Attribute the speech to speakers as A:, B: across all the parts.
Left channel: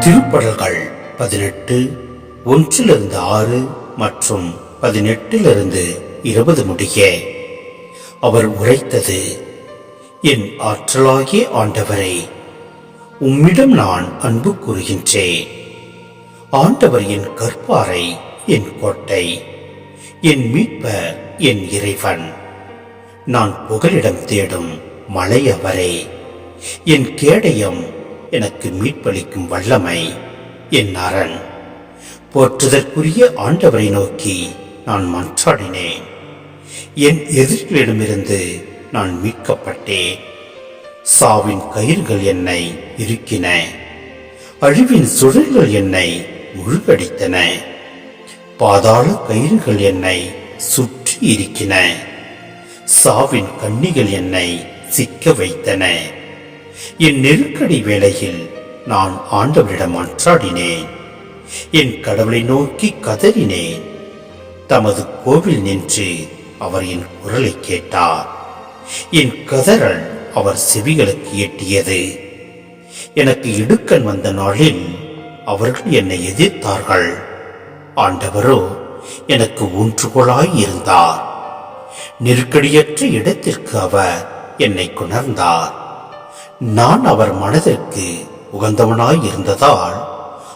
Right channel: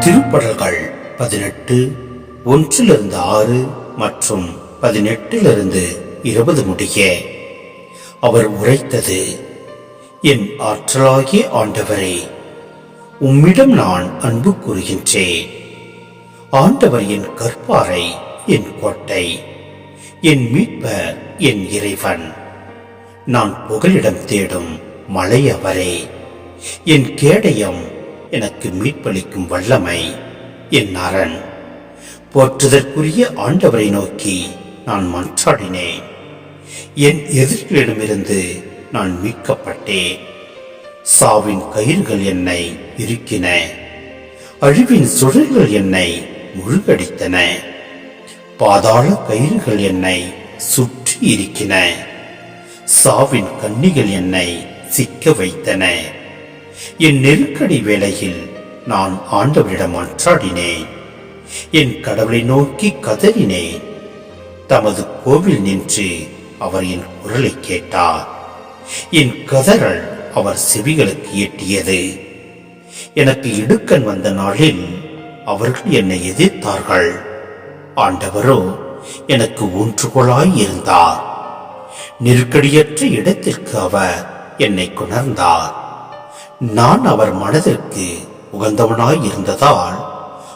A: திருப்படல்கள் பதினெட்டு ஒன்றிலிருந்து ஆறு மற்றும் பதினெட்டிலிருந்து இருபது முடிய. அவர் உரைத்தது என் ஆற்றலாகிய ஆண்டவரே உம்மிடம் நான் அன்பு கூறுகின்றேன். ஆண்டவர் என் கற்பாரை என் கோட்டை என் மீட்ப என் இறைவன். நான் புகலிடம் தேடும் மலை அவரே என் கேடயம் எனக்கு மீட்பளிக்கும் வல்லமை என் அரண் போற்றுதற்குரிய ஆண்டவரை நோக்கி நான் மன்றாடினேன். என் எதிரிகளிடமிருந்து நான் மீட்கப்பட்டேன். சாவின் கயிறுகள் என்னை இருக்கின அழிவின் சுழல்கள் என்னை முழுகடித்தன. பாதாள கயிறுகள் என்னை சுற்றி இருக்கின சாவின் கண்ணிகள் என்னை சிக்க வைத்தன. என் நெருக்கடி வேளையில் நான் ஆண்டவரிடம் மன்றாடினேன் என் கடவுளை நோக்கி கதறினேன். தமது கோவில் நின்று அவர் என் குரலை கேட்டார். என் கதறல் அவர் செவிகளுக்கு எட்டியது. எனக்கு இடுக்கன் வந்த நாளில் அவர்கள் என்னை எதிர்த்தார்கள். ஆண்டவரோ எனக்கு ஊன்றுகோலாய் இருந்தார். நெருக்கடியற்ற இடத்திற்கு அவர் என்னை கொணர்ந்தார். நான் அவர் மனதிற்கு உகந்தவனாய் இருந்ததால்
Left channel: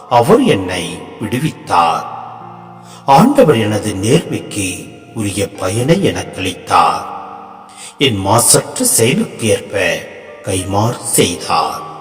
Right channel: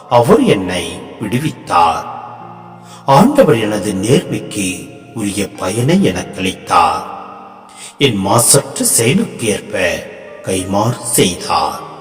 A: அவர் என்னை விடுவித்தார். ஆண்டவர் எனது நேர்மைக்கு உரிய பயனை எனக்களித்தார். என் மாசற்ற செயலுக்கு ஏற்ப கைமாறு செய்தார்.